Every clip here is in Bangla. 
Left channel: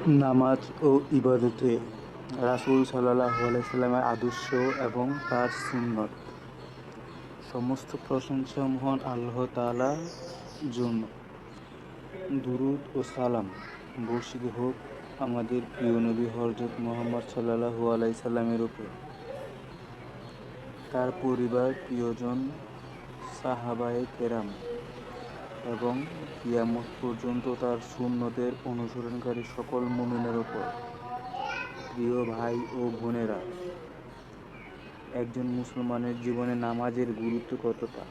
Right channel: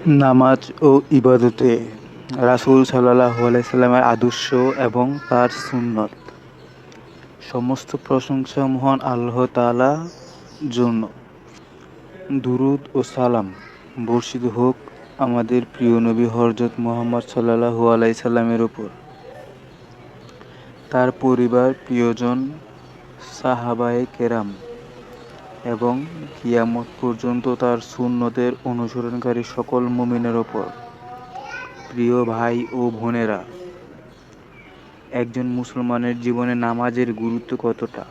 নামাজ ও ইবাদতে রাসূল সাল্লাল্লাহু আলাইহি সাল্লামের আদর্শ এবং তার সুন্নত। সমস্ত প্রশংসা মহান আল্লাহ তাআলার জন্য। দুরূদ ও সালাম বর্ষিত হোক আমাদের প্রিয় নবী হযরত মুহাম্মদ সাল্লাল্লাহু আলাইহি সাল্লামের উপর, তার পরিবার, প্রিয়জন, সাহাবায়ে কেরাম এবং কিয়ামত পর্যন্ত তার সুন্নতের অনুসরণকারী সকল মুমিনের ওপর। প্রিয় ভাই ও বোনেরা, একজন মুসলমানের জীবনে নামাজের গুরুত্ব কতটা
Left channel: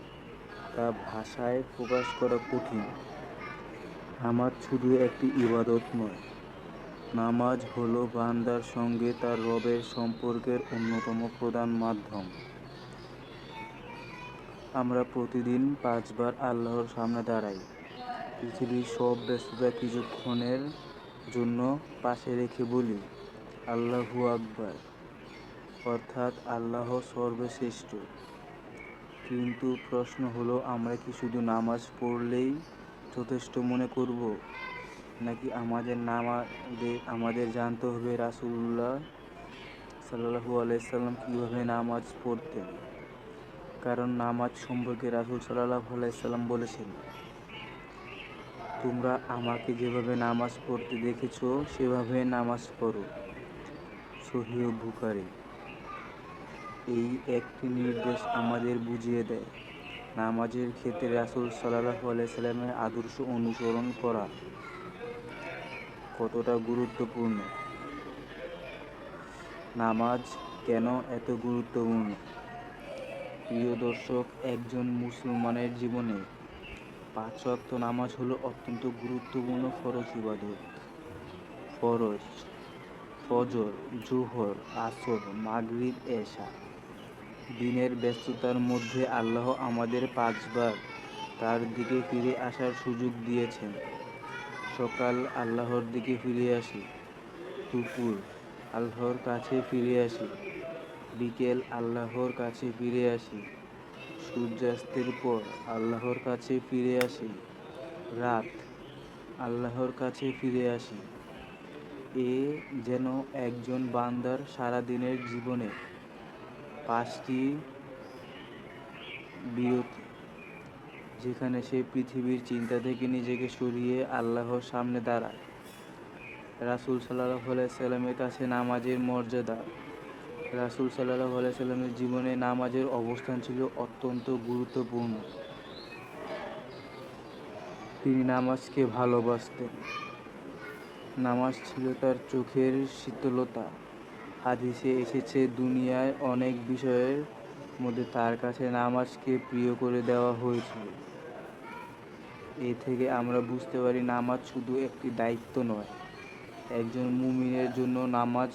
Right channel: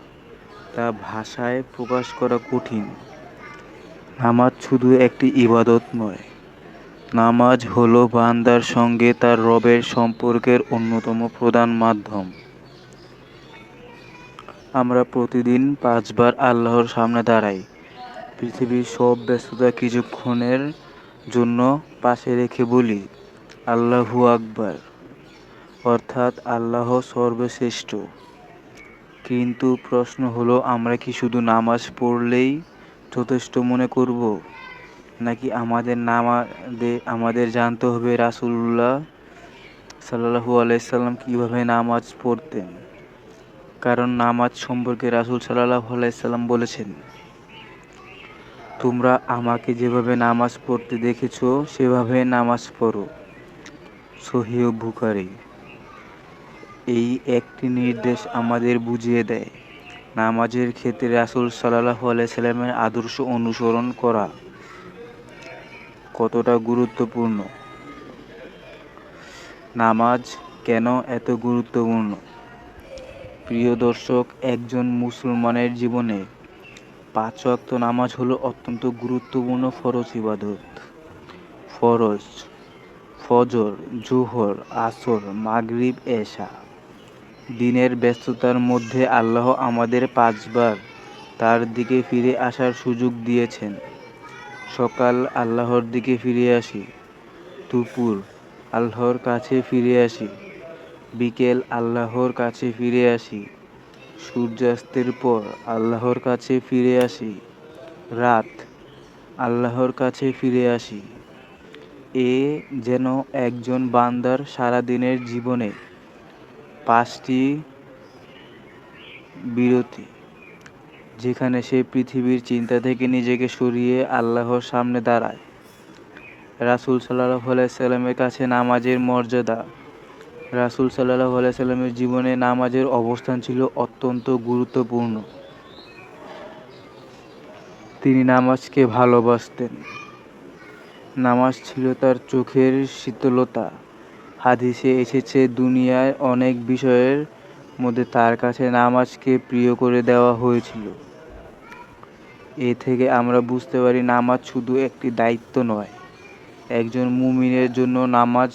তা ভাষায় প্রকাশ করা কঠিন। নামাজ শুধু একটি ইবাদত নয়, নামাজ হলো বান্দার সঙ্গে তার রবের সম্পর্কের অন্যতম প্রধান মাধ্যম। আমরা প্রতিদিন ৫ বার আল্লাহর সামনে দাঁড়াই। পৃথিবীর সব ব্যস্ততা কিছুক্ষণের জন্য পাশে রেখে বলি, আল্লাহু আকবার, অর্থাৎ আল্লাহ সর্বশ্রেষ্ঠ। কিন্তু প্রশ্ন হলো, আমরা কি শুধু নামাজ পড়লেই যথেষ্ট মনে করব, নাকি আমাদের জানতে হবে রাসূলুল্লাহ সাল্লাল্লাহু আলাইহি সাল্লাম কীভাবে নামাজ পড়তেন? কারণ নামাজ সম্পর্কে রাসূল সাল্লাল্লাহু আলাইহি সাল্লাম বলেছেন, তোমরা আমাকে যেভাবে নামাজ পড়তে দেখেছ সেভাবে নামাজ পড়ো। সহিহ বুখারী। এই একটি নির্দেশ আমাদের বুঝিয়ে দেয়, নামাজের ক্ষেত্রে রাসূল সাল্লাল্লাহু আলাইহি সাল্লামের আদর্শ অনুসরণ করা কতটা গুরুত্বপূর্ণ। নামাজ কেন এত গুরুত্বপূর্ণ? প্রিয় দর্শক, একজন মুসলমানের জীবনে ৫ ওয়াক্ত নামাজ হলো অত্যন্ত গুরুত্বপূর্ণ ফরজ ইবাদত। ফরজ: ফজর, জোহর, আসর, মাগরিব, এশা। দিনের ব্যস্ততার মধ্যে আল্লাহ আমাদের ৫ বার তার দিকে ফিরে আসার সুযোগ দিয়েছেন। সকাল আল্লাহর দিকে ফিরে আসি, দুপুর আল্লাহর কাছে ফিরে আসি, বিকেল আল্লাহর কাছে ফিরে আসি, সূর্যাস্তের পর আল্লাহর কাছে ফিরে আসি, রাত আল্লাহর কাছে ফিরে আসি। এ যেন একজন বান্দার সারাদিনের জীবনে ৫টি বিরতি, যেখানে সে পৃথিবীর চিন্তা থেকে নিজেকে সরিয়ে আল্লাহর সামনে দাঁড়ায়। রাসূল সাল্লাল্লাহু আলাইহি সাল্লামের কাছে নামাজের মর্যাদা। রাসূল সাল্লাল্লাহু আলাইহি সাল্লামের জীবনে নামাজের অবস্থান ছিল অত্যন্ত গুরুত্বপূর্ণ। তিনি নামাজকে ভালোবাসতেন। নামাজ ছিল তার চোখের শীতলতা। হাদিসে এসেছে, দুনিয়ার অনেক বিষয়ের মধ্যে তার কাছে নামাজকে প্রিয় করে দেওয়া হয়েছিল। এ থেকে আমরা বুঝতে পারি, নামাজ শুধু একটি দায়িত্ব নয়, একজন মুমিনের জন্য নামাজ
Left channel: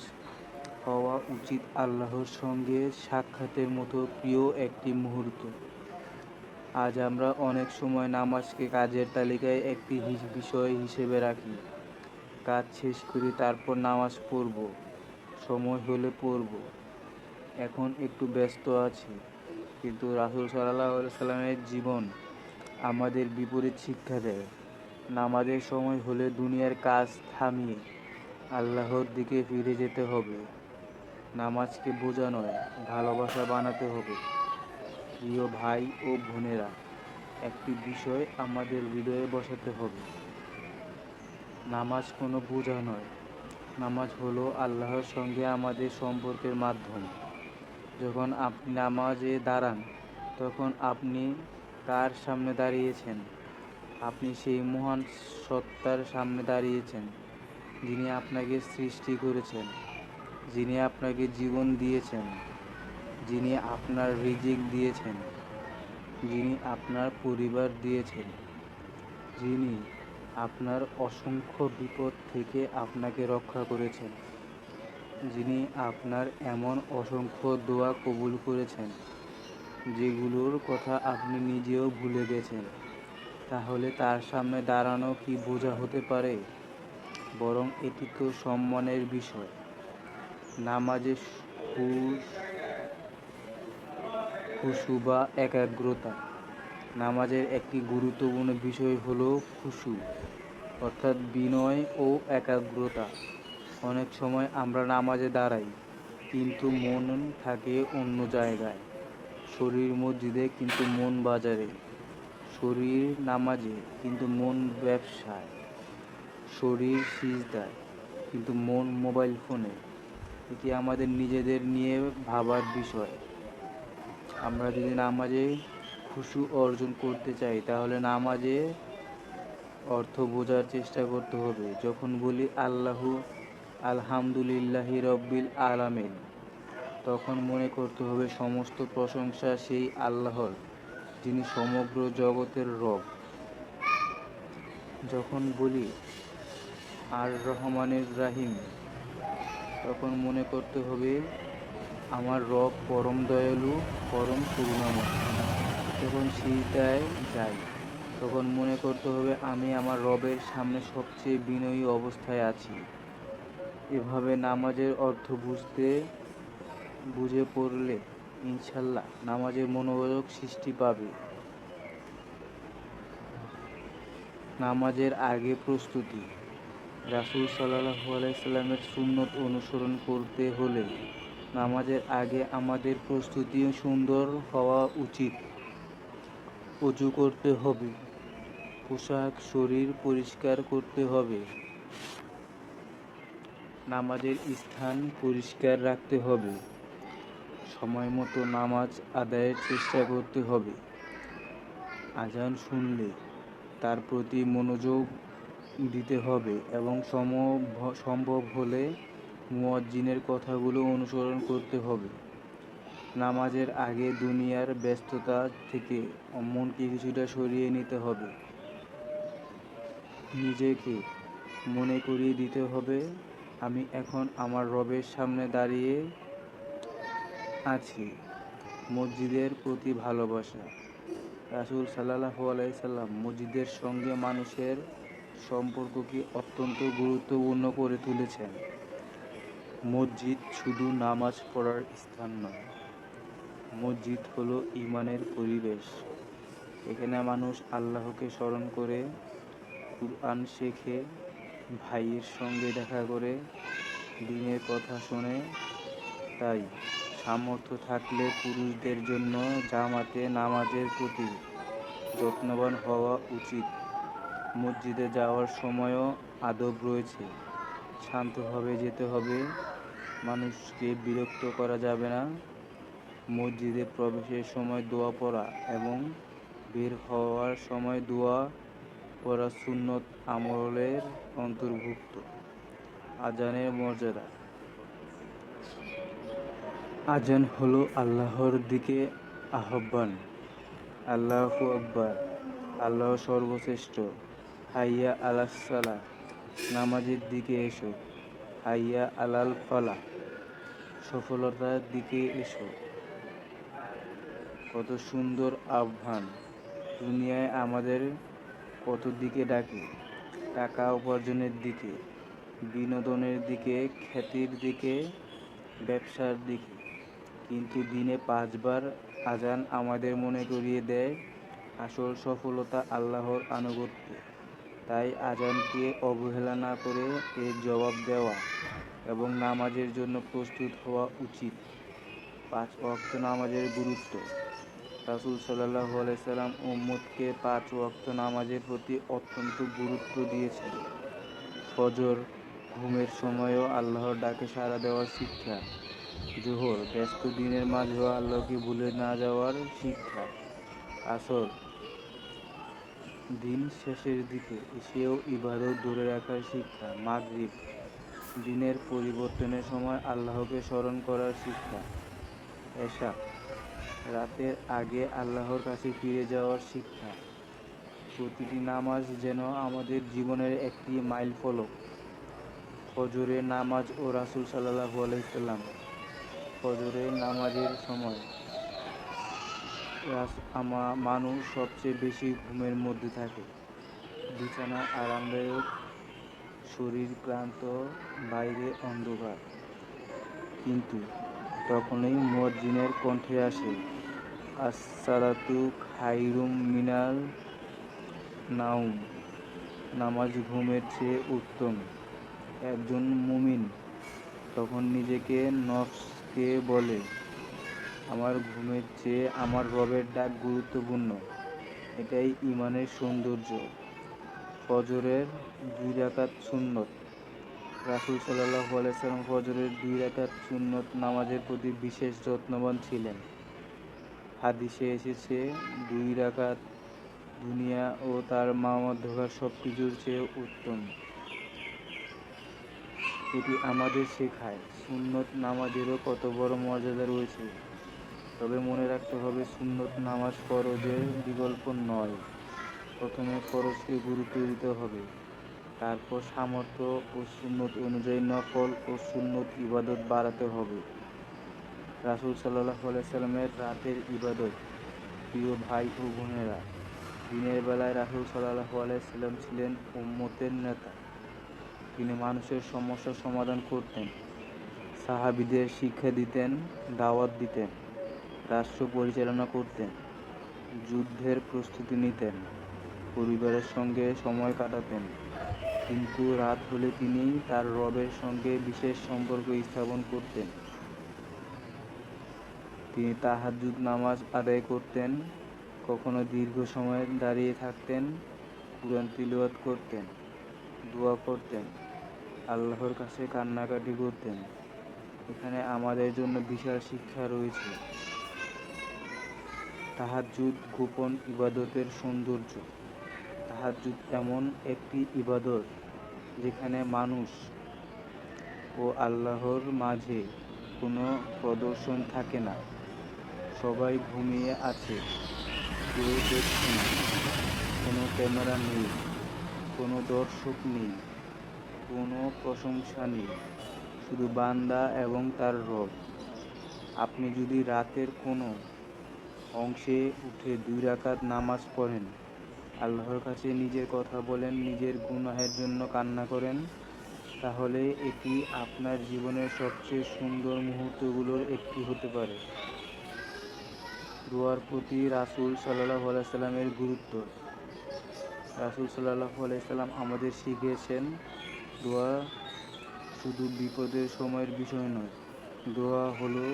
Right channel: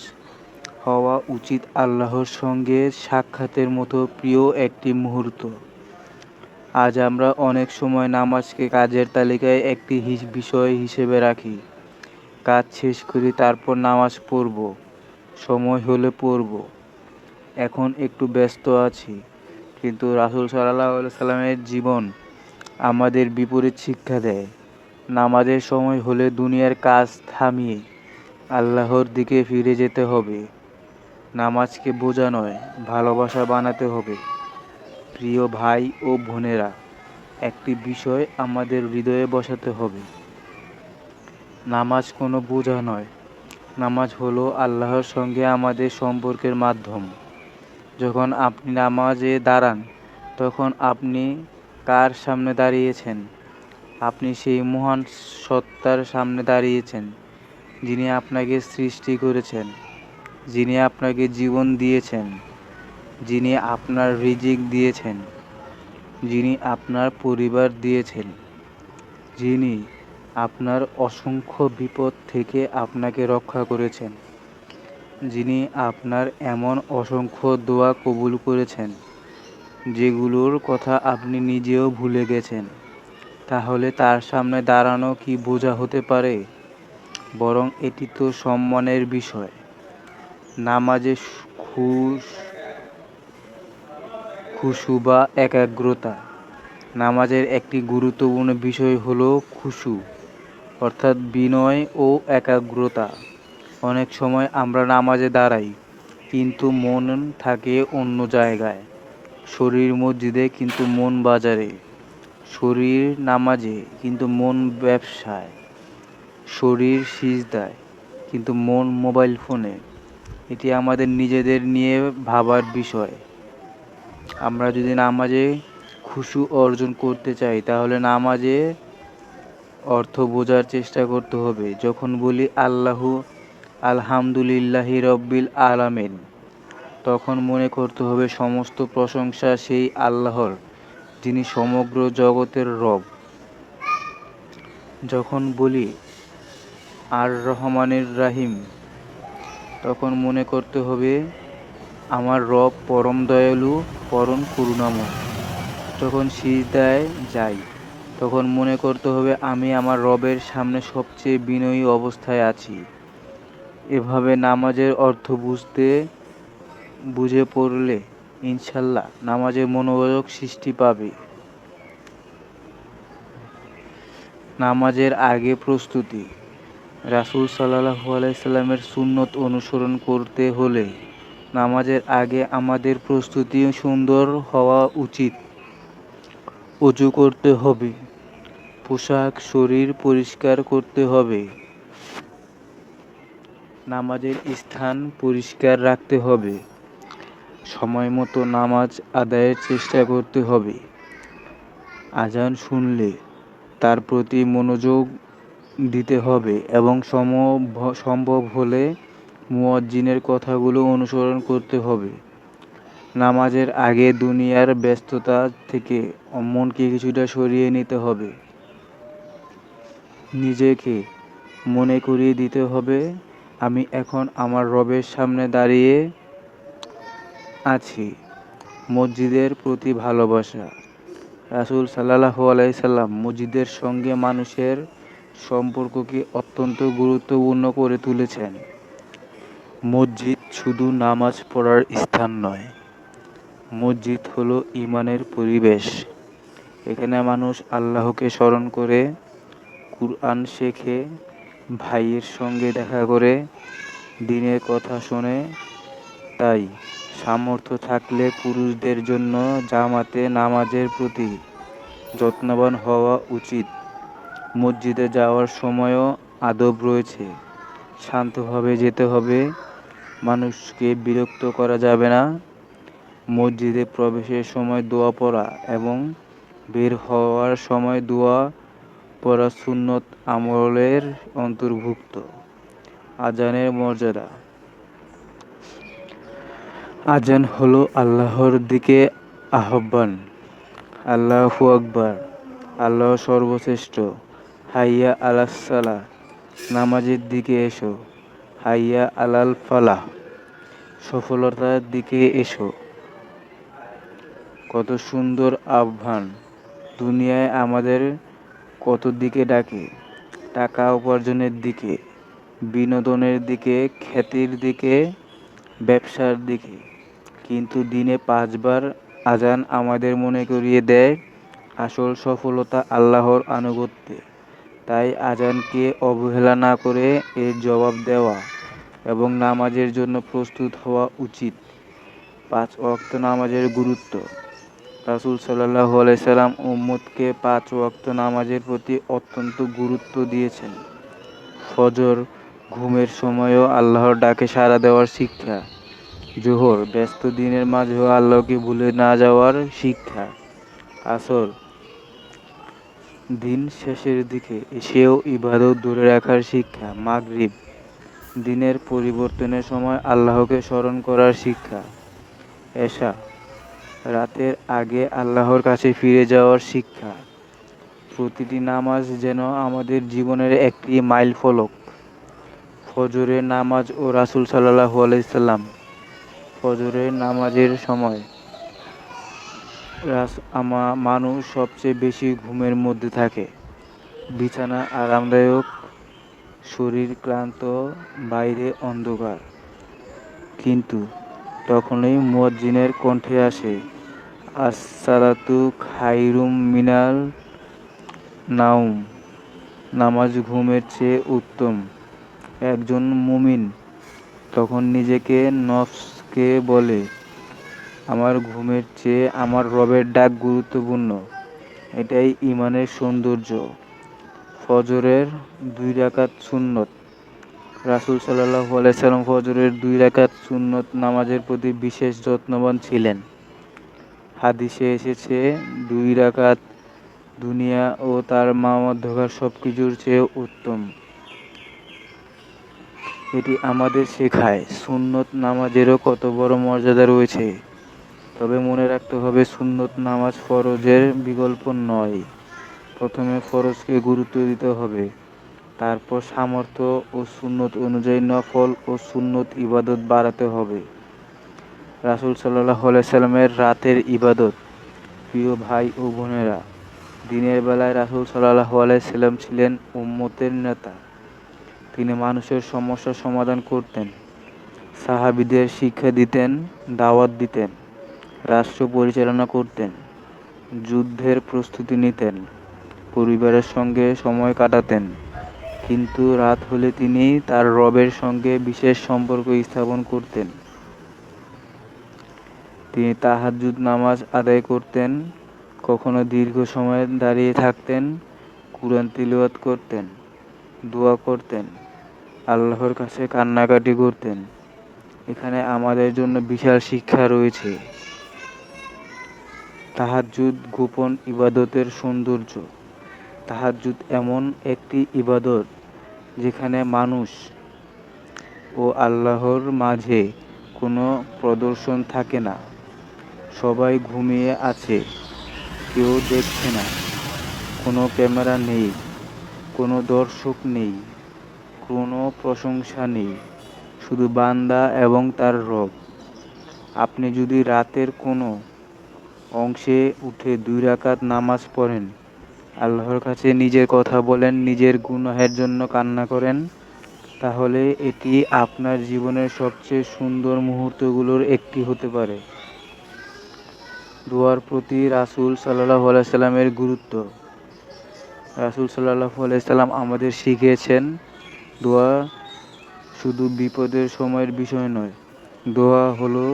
হওয়া উচিত আল্লাহর সঙ্গে সাক্ষাতের মতো প্রিয় একটি মুহূর্ত। আজ আমরা অনেক সময় নামাজকে কাজের তালিকায় একটি বিষয় হিসেবে রাখি। কাজ শেষ করি, তারপর নামাজ পড়ব, সময় হলে পড়ব, এখন একটু ব্যস্ত আছি। কিন্তু রাসূল সাল্লাল্লাহু আলাইহি সাল্লামের জীবন আমাদের বিপরীত শিক্ষা দেয়। নামাজের সময় হলে দুনিয়ার কাজ থামিয়ে আল্লাহর দিকে ফিরে যেতে হবে। নামাজকে বোঝা নয়, ভালোবাসা বানাতে হবে। প্রিয় ভাই ও বোনেরা, একটি বিষয় আমাদের হৃদয়ে বসাতে হবে, নামাজ কোনো বোঝা নয়। নামাজ হলো আল্লাহর সঙ্গে আমাদের সম্পর্কের মাধ্যম। যখন আপনি নামাজে দাঁড়ান, তখন আপনি কার সামনে দাঁড়িয়েছেন? আপনি সেই মহান সত্তার সামনে দাঁড়িয়েছেন, যিনি আপনাকে সৃষ্টি করেছেন, যিনি আপনাকে জীবন দিয়েছেন, যিনি আপনার রিজিক দিয়েছেন, যিনি আপনার পরিবার দিয়েছেন, যিনি আপনার অসংখ্য বিপদ থেকে আপনাকে রক্ষা করেছেন, যিনি আপনার এমন অসংখ্য দোয়া কবুল করেছেন যেগুলোর কথা আপনি নিজেও ভুলে গেছেন। তাহলে তার সামনে দাঁড়ানো কি বোঝা হতে পারে? বরং এটি তো সম্মানের বিষয়। নামাজে খুশু বা একাগ্রতা। নামাজের একটি গুরুত্বপূর্ণ বিষয় হলো খুশু। অর্থাৎ বিনয় ও একাগ্রতা। অনেক সময় আমরা নামাজে দাঁড়াই, কিন্তু মন থাকে অন্য জায়গায়। শরীর মসজিদে কিন্তু মন বাজারে, শরীর নামাজে কিন্তু মন ব্যবসায়, শরীর সিজদায় কিন্তু মন মোবাইল ফোনে। এটি আমাদের নিজেদের নিয়ে ভাবার বিষয়। আমরা যদি নামাজে খুশু অর্জন করতে চাই, তাহলে নামাজে অর্থ বোঝার চেষ্টা করতে হবে। যখন বলি আলহামদুলিল্লাহি রব্বিল আলামিন, তখন মনে করতে হবে সমস্ত প্রশংসা সেই আল্লাহর, যিনি সমগ্র জগতের রব। যখন বলি আর রহমানির রাহিম, তখন মনে করতে হবে আমার রব পরম দয়ালু, পরম করুণাময়। যখন সিজদায় যাই, তখন মনে করতে হবে আমি আমার রবের সামনে সবচেয়ে বিনয়ী অবস্থায় আছি। এভাবে নামাজের অর্থ বুঝে পড়লে ইনশাল্লাহ নামাজের মনোযোগ সৃষ্টি পাবে। নামাজের আগে প্রস্তুতি। রাসূল সাল্লাল্লাহু আলাইহি সাল্লামের সুন্নত অনুসরণ করতে হলে নামাজের আগে আমাদের প্রস্তুতি সুন্দর হওয়া উচিত। ওযু করতে হবে, পোশাক শরীর পরিষ্কার করতে হবে, নামাজের স্থান পরিষ্কার রাখতে হবে, সময় মতো নামাজ আদায়ের চেষ্টা করতে হবে। আজান শুনলে তার প্রতি মনোযোগ দিতে হবে এবং সম্ভব হলে মুয়াজ্জিনের কথাগুলো অনুসরণ করতে হবে। নামাজের আগে দুনিয়ার ব্যস্ততা থেকে মনকে কিছুটা সরিয়ে নিতে হবে। নিজেকে মনে করিয়ে দিতে হবে আমি এখন আমার রবের সামনে দাঁড়িয়ে আছি। মসজিদের প্রতি ভালোবাসা। রাসূল সাল্লাল্লাহু আলাইহি সাল্লাম মসজিদের সঙ্গে মানুষের সম্পর্ককে অত্যন্ত গুরুত্বপূর্ণ করে তুলেছেন। মসজিদ শুধু নামাজ পড়ার স্থান নয়, মসজিদ হলো ঈমানের পরিবেশ। এখানে মানুষ আল্লাহকে স্মরণ করে, কুরআন শেখে, ভাইয়ের সঙ্গে দেখা করে, দ্বীনের কথা শোনে। তাই সামর্থ্য থাকলে পুরুষদের জন্য জামাতে নামাজের প্রতি যত্নবান হওয়া উচিত। মসজিদে যাওয়ার সময়ও আদব রয়েছে। শান্তভাবে যেতে হবে, মানুষকে বিরক্ত করা যাবে না। মসজিদে প্রবেশের সময় দোয়া পড়া এবং বের হওয়ার সময় দোয়া পড়া সুন্নত আমলের অন্তর্ভুক্ত। আজানের মর্যাদা। আজান হলো আল্লাহর দিকে আহ্বান। আল্লাহু আকবার, আল্লাহ সর্বশ্রেষ্ঠ। হাইয়া আলাস সালাহ, নামাজের দিকে এসো। হাইয়া আলাল ফালাহ, সফলতার দিকে এসো। কত সুন্দর আহ্বান! দুনিয়ায় আমাদের কত দিকে ডাকে, টাকা উপার্জনের দিকে, বিনোদনের দিকে, খ্যাতির দিকে, ব্যবসার দিকে। কিন্তু দিনে 5 বার আজান আমাদের মনে করিয়ে দেয় আসল সফলতা আল্লাহর আনুগত্যে। তাই আজানকে অবহেলা না করে এর জবাব দেওয়া এবং নামাজের জন্য প্রস্তুত হওয়া উচিত। 5 ওয়াক্ত নামাজের গুরুত্ব। রাসূল সাল্লাল্লাহু আলাইহি সাল্লাম উম্মতকে 5 ওয়াক্ত নামাজের প্রতি অত্যন্ত গুরুত্ব দিয়েছেন। ফজর, ঘুমের সময়ও আল্লাহর ডাকে সাড়া দেওয়ার শিক্ষা। জোহর, ব্যস্ত দিনের মাঝেও আল্লাহকে ভুলে না যাওয়ার শিক্ষা। আসর, দিন শেষের দিকে এসেও ইবাদত ধরে রাখার শিক্ষা। মাগরিব, দিনের পরিবর্তনের সময় আল্লাহকে স্মরণ করার শিক্ষা। এশা, রাতের আগে আল্লাহর কাছে ফিরে যাওয়ার শিক্ষা। প্রতিটি নামাজ যেন আমাদের জীবনের একটি মাইল ফলক। ফজরের নামাজ ও রাসূল সাল্লাল্লাহু আলাইহি সাল্লাম। ফজরের নামাজের সময় মানুষ সবচেয়ে বেশি ঘুমের মধ্যে থাকে। বিছানা আরামদায়ক, শরীর ক্লান্ত, বাইরে অন্ধকার। কিন্তু তখনই মুয়াজ্জিনের কণ্ঠে আসে আসসালাতু খায়রুম মিনাল নাওম। নামাজ ঘুমের চেয়ে উত্তম। একজন মুমিন তখন নিজেকে নফসকে বলে, আমার ঘুমের চেয়ে আমার রবের ডাক গুরুত্বপূর্ণ। এটাই ঈমানের সৌন্দর্য। ফজরের 2 রাকাত সুন্নত। রাসূল সাল্লাল্লাহু আলাইহি সাল্লাম ফজরের 2 রাকাত সুন্নত নামাজের প্রতি বিশেষ যত্নবান ছিলেন। হাদিসে এসেছে 2 রাকাত দুনিয়া ও তার মধ্যকার সবকিছুর চেয়ে উত্তম। এটি আমাদের শেখায় সুন্নত নামাজেরও কত বড় মর্যাদা রয়েছে। তবে মনে রাখতে হবে সুন্নত নামাজ ফরজের বিকল্প নয়। প্রথমে ফরজকে গুরুত্ব দিতে হবে, তারপর সামর্থ্য ও সুন্নত অনুযায়ী নফল ও সুন্নত ইবাদত বাড়াতে হবে। রাসূল সাল্লাল্লাহু আলাইহি সাল্লামের রাতের ইবাদত। প্রিয় ভাই ও বোনেরা, দিনের বেলায় রাসূল সাল্লাল্লাহু আলাইহি সাল্লাম ছিলেন উম্মতের নেতা। তিনি মানুষের সমস্যার সমাধান করতেন, সাহাবীদের শিক্ষা দিতেন, দাওয়াত দিতেন, রাষ্ট্র পরিচালনা করতেন, যুদ্ধের প্রস্তুতি নিতেন, পরিবারের সঙ্গে সময় কাটাতেন। কিন্তু রাত হলে তিনি তার রবের সঙ্গে বিশেষ সম্পর্ক স্থাপন করতেন। তিনি তাহাজ্জুদ নামাজ আদায় করতেন, কখনো দীর্ঘ সময় দাঁড়িয়ে থাকতেন, কুরআন তিলাওয়াত করতেন, দোয়া করতেন, আল্লাহর কাছে কান্নাকাটি করতেন। এখানে আমাদের জন্য বিশাল শিক্ষা রয়েছে। তাহাজ্জুদ গোপন ইবাদতের সৌন্দর্য। তাহাজ্জুদ এমন একটি ইবাদত যেখানে মানুষ ও আল্লাহর মাঝে কোনো প্রদর্শন থাকে না। সবাই ঘুমিয়ে আছে, কেউ দেখছে না, কোনো ক্যামেরা নেই, কোনো দর্শক নেই, কোনো প্রশংসা নেই, শুধু বান্দা এবং তার রব। আপনি যদি রাতের কোনো অংশে উঠে 2 রাকাত নামাজ পড়েন, আল্লাহর কাছে নিজের কথা বলেন, নিজের গুনাহের জন্য কান্না করেন, তাহলে এটি আপনার জীবনের সবচেয়ে সুন্দর মুহূর্তগুলোর একটি হতে পারে। দোয়ার প্রতি রাসূল সাল্লাল্লাহু আলাইহি সাল্লামের গুরুত্ব। রাসূল সাল্লাল্লাহু আলাইহি সাল্লাম আমাদের শিখিয়েছেন, দোয়া শুধু বিপদের সময়ের বিষয় নয়। দোয়া হলো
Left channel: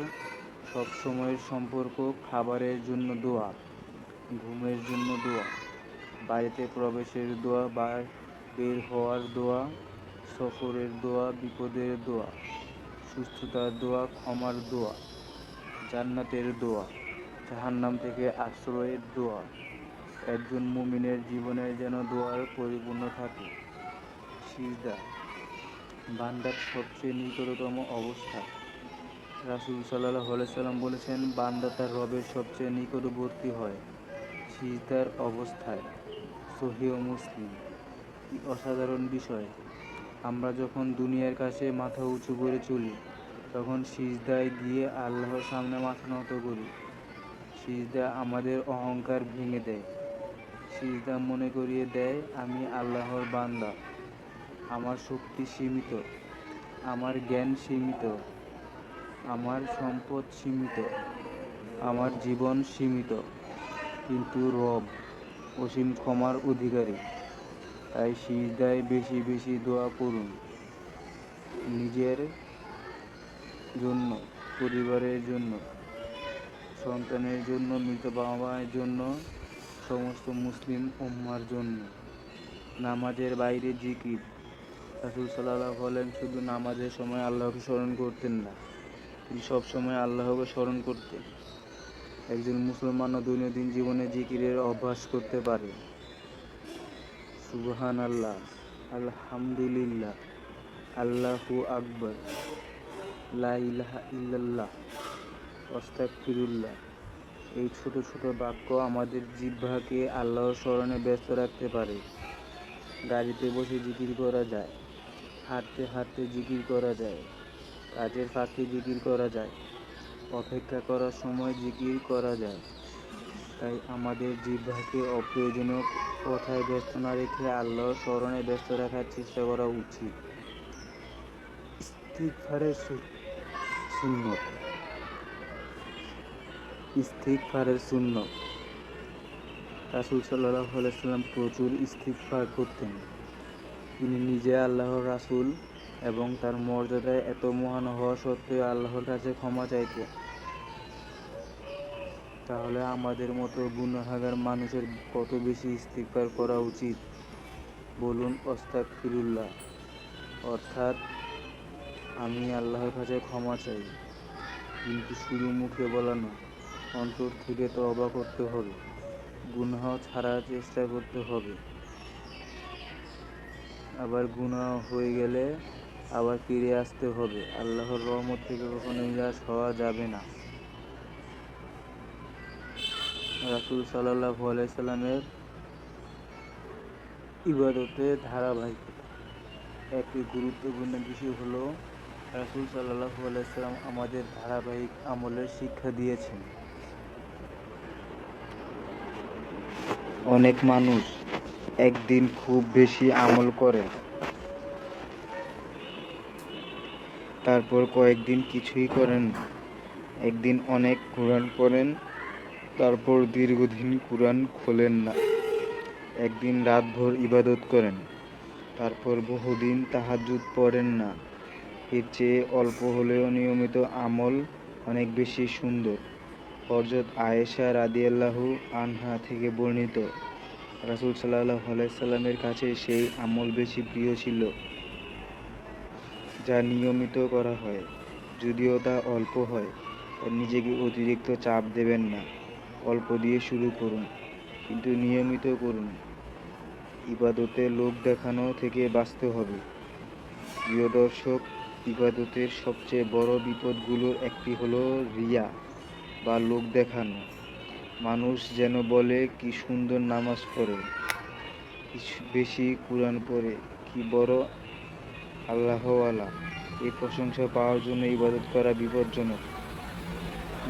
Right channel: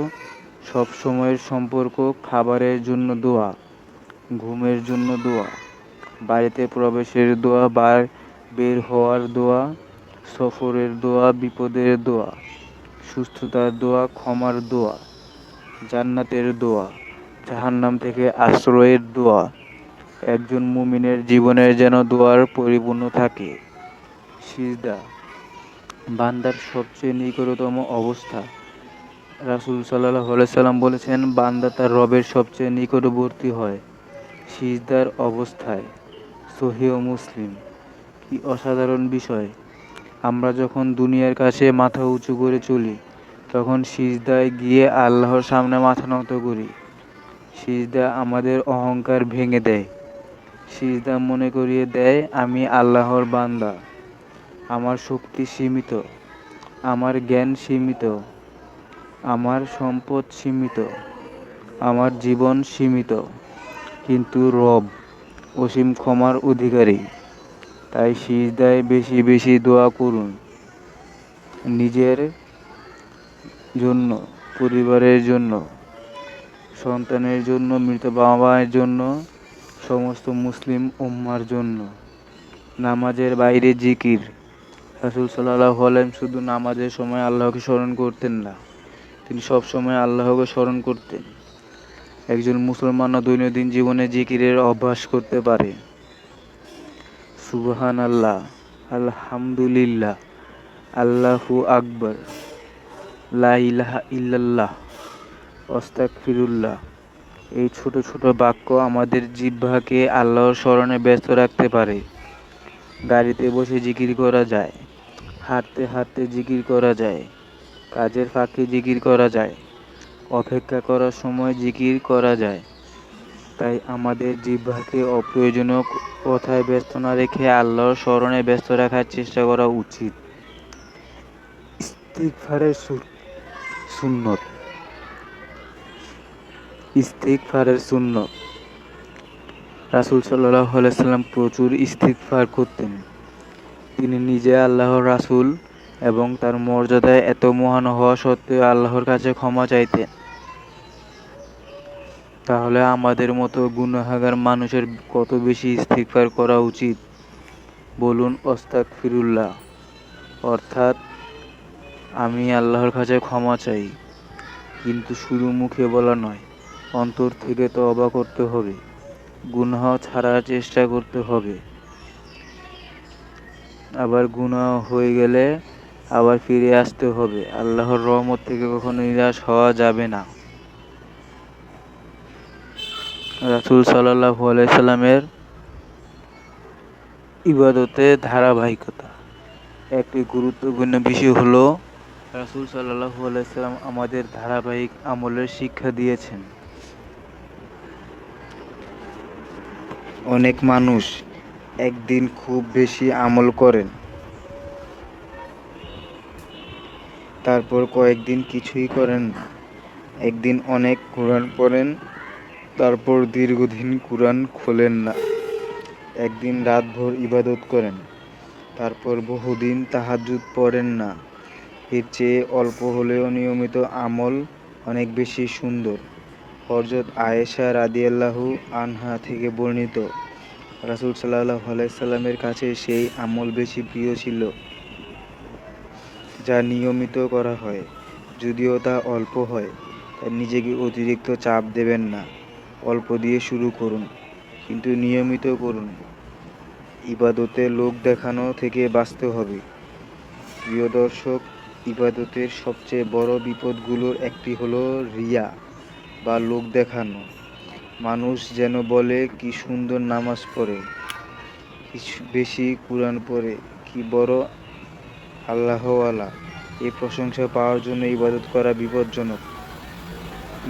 সব সময়ের সম্পর্ক। খাবারের জন্য দোয়া, ঘুমের জন্য দোয়া, বাড়িতে প্রবেশের দোয়া, বের হওয়ার দোয়া, সফরের দোয়া, বিপদের দোয়া, সুস্থতার দোয়া, ক্ষমার দোয়া, জান্নাতের দোয়া, জাহান্নাম থেকে আশ্রয়ের দোয়া। একজন মুমিনের জীবনে যেন দোয়ার পরিপূর্ণ থাকে। সিজদা বান্দার সবচেয়ে নিকটতম অবস্থা। রাসূল সাল্লাল্লাহু আলাইহি সাল্লাম বলেছেন, বান্দা তার রবের সবচেয়ে নিকটবর্তী হয় সিজদার অবস্থায়। সহিহ মুসলিম। কি অসাধারণ বিষয়! আমরা যখন দুনিয়ার কাছে মাথা উঁচু করে চলি, তখন সিজদায় গিয়ে আল্লাহর সামনে মাথা নত করি। সিজদা আমাদের অহংকার ভেঙে দেয়। সিজদা মনে করিয়ে দেয়, আমি আল্লাহর বান্দা। আমার শক্তি সীমিত, আমার জ্ঞান সীমিত, আমার সম্পদ সীমিত, আমার জীবন সীমিত, কিন্তু রব অসীম ক্ষমার অধিকারী। তাই সিজদায় বেশি বেশি দোয়া করুন, নিজের জন্য, পরিবারের জন্য, সন্তানের জন্য, মৃত বাবা মায়ের জন্য, সমস্ত মুসলিম উম্মার জন্য। নামাজের বাইরে জিকির। রাসূল সাল্লাল্লাহু আলাইহি শুধু নামাজের সময় আল্লাহকে স্মরণ করতেন না, তিনি সব সময় আল্লাহকে স্মরণ করতেন। একজন মুসলমানও দৈনন্দিন জীবনে জিকিরের অভ্যাস করতে পারে। সুবহানাল্লাহ, আলহামদুলিল্লাহ, আল্লাহু আকবার, লা ইলাহা ইল্লাল্লাহ, আস্তাগফিরুল্লাহ। এই ছোট ছোট বাক্য আমাদের জিহ্বাকে আল্লাহর স্মরণে ব্যস্ত রাখতে পারে। গাড়িতে বসে জিকির করা যায়, হাঁটতে হাঁটতে জিকির করা যায়, কাজের ফাঁকে জিকির করা যায়, অপেক্ষা করার সময় জিকির করা যায়। তাই আমাদের জিহ্বাকে অপ্রয়োজনীয় কথায় ব্যস্ত না রেখে আল্লাহর স্মরণে ব্যস্ত রাখার চেষ্টা করা উচিত। ইস্তিগফারের সুন্নত। ইস্তিগফারের সুন্নত। রাসূল সাল্লাল্লাহু আলাইহি সাল্লাম প্রচুর ইস্তিগফার করতেন। তিনি নিজে আল্লাহর রাসূল এবং তার মর্যাদায় এত মহান হওয়া সত্ত্বেও আল্লাহর কাছে ক্ষমা চাইতেন। তাহলে আমাদের মতো গুনাহগার মানুষের কত বেশি ইস্তিগফার করা উচিত? বলুন আস্তাগফিরুল্লাহ, অর্থাৎ আমি আল্লাহর কাছে ক্ষমা চাই। কিন্তু শুধু মুখে বলা নয়, অন্তর থেকে তওবা করতে হবে, গুনাহ ছাড়ার চেষ্টা করতে হবে। আবার গুনাহ হয়ে গেলে আবার ফিরে আসতে হবে। আল্লাহর রহমত থেকে কখনো নিরাশ হওয়া যাবে না। রাসূল সাল্লাল্লাহু আলাইহি সাল্লামের ইবাদতে ধারাবাহিকতা। একটি গুরুত্বপূর্ণ বিষয় হলো রাসূল সাল্লাল্লাহু আলাইহি সাল্লাম আমাদের ধারাবাহিক আমলের শিক্ষা দিয়েছেন। অনেক মানুষ একদিন খুব বেশি আমল করেন, তারপর কয়েকদিন কিছুই করেন না। একদিন অনেক কোরআন পড়েন, তারপর দীর্ঘদিন কোরআন খোলেন না। একদিন রাতভর ইবাদত করেন, তারপর বহুদিন তাহাজ্জুদ পড়েন না। এর চেয়ে অল্প হলেও নিয়মিত আমল অনেক বেশি সুন্দর। হযরত আয়েশা রাদিয়াল্লাহু আনহা থেকে বর্ণিত, রাসূল সাল্লাল্লাহু আলাইহি সাল্লামের কাছে সেই আমল বেশি প্রিয় ছিল যা নিয়মিত করা হয়। যদিও তা অল্প হয়, তাই নিজেকে অতিরিক্ত চাপ দেবেন না। অল্প দিয়ে শুরু করুন, কিন্তু নিয়মিত করুন। ইবাদতে লোক দেখানো থেকে বাঁচতে হবে। প্রিয় দর্শক, ইবাদতের সবচেয়ে বড় বিপদগুলোর একটি হলো রিয়া বা লোক দেখানো। মানুষ যেন বলে, কি সুন্দর নামাজ পড়ে, কি বেশি কোরআন পড়ে, কি বড় আল্লাহওয়ালা। এই প্রশংসা পাওয়ার জন্য ইবাদত করা বিপজ্জনক।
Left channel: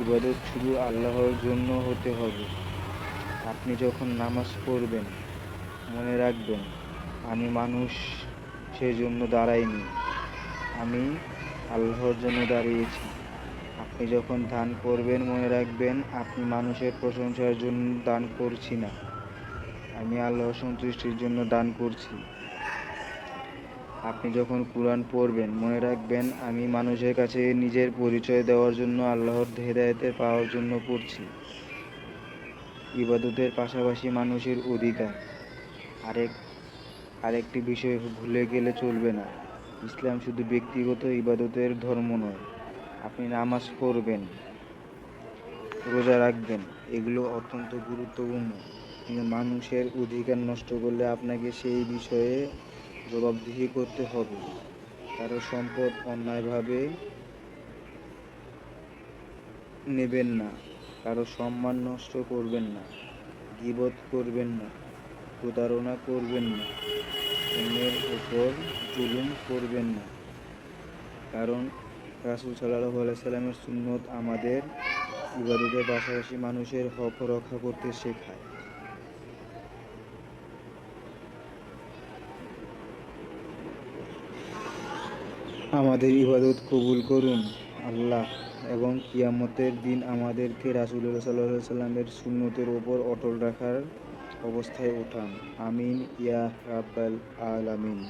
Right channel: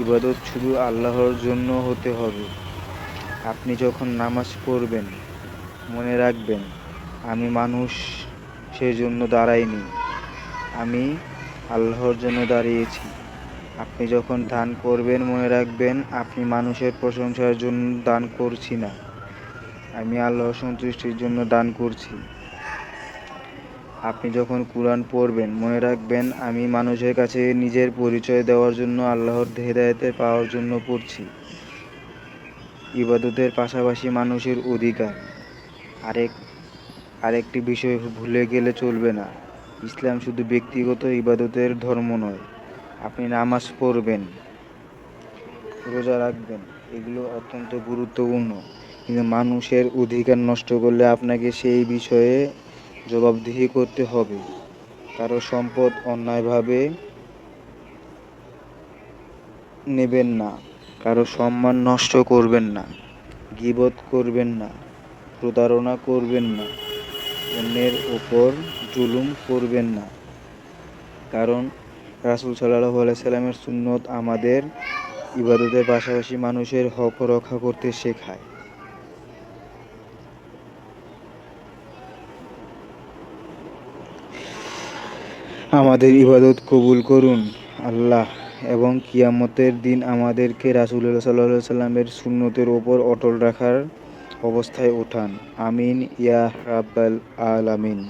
ইবাদত শুধু আল্লাহর জন্য হতে হবে। আপনি যখন নামাজ পড়বেন, মনে রাখবেন, আমি মানুষ সেজন্য দাঁড়াইনি, আমি আল্লাহর জন্য দাঁড়িয়েছি। আপনি যখন দান করবেন, মনে রাখবেন, আপনি মানুষের প্রশংসার জন্য দান করছি না, আমি আল্লাহর সন্তুষ্টির জন্য দান করছি। আপনি যখন কোরআন পড়বেন, মনে রাখবেন, আমি মানুষের কাছে নিজের পরিচয় দেওয়ার জন্য, আল্লাহর হেদায়েত পাওয়ার জন্য পড়ছি। ইবাদতের পাশাপাশি মানুষের অধিকার। আরেকটি বিষয় ভুলে গেলে চলবে না। ইসলাম শুধু ব্যক্তিগত ইবাদতের ধর্ম নয়। আপনি নামাজ পড়বেন, রোজা রাখবেন, এগুলো অত্যন্ত গুরুত্বপূর্ণ। কিন্তু মানুষের অধিকার নষ্ট করলে আপনাকে সেই বিষয়ে জবাবদিহি করতে হবে। কারো সম্পদ অন্যায়ভাবে নেবেন না, কারো সম্মান নষ্ট করবেন না, গীবত করবেন না, প্রতারণা করবেন না, অন্যের ওপর জুলুম করবেন না। কারণ রাসূল সাল্লাল্লাহু আলাইহি সাল্লামের সুন্নত আমাদের ইবাদতের পাশাপাশি মানুষের হক রক্ষা করতে শেখায়। আমাদের ইবাদত কবুল করুন আল্লাহ, এবং কিয়ামতের দিন আমাদেরকে রাসূলুল্লাহ সাল্লাল্লাহু আলাইহি সাল্লামের সুন্নতের ওপর অটল রাখার অবস্থায় উঠান। আমিন ইয়া রাব্বাল আলামিন।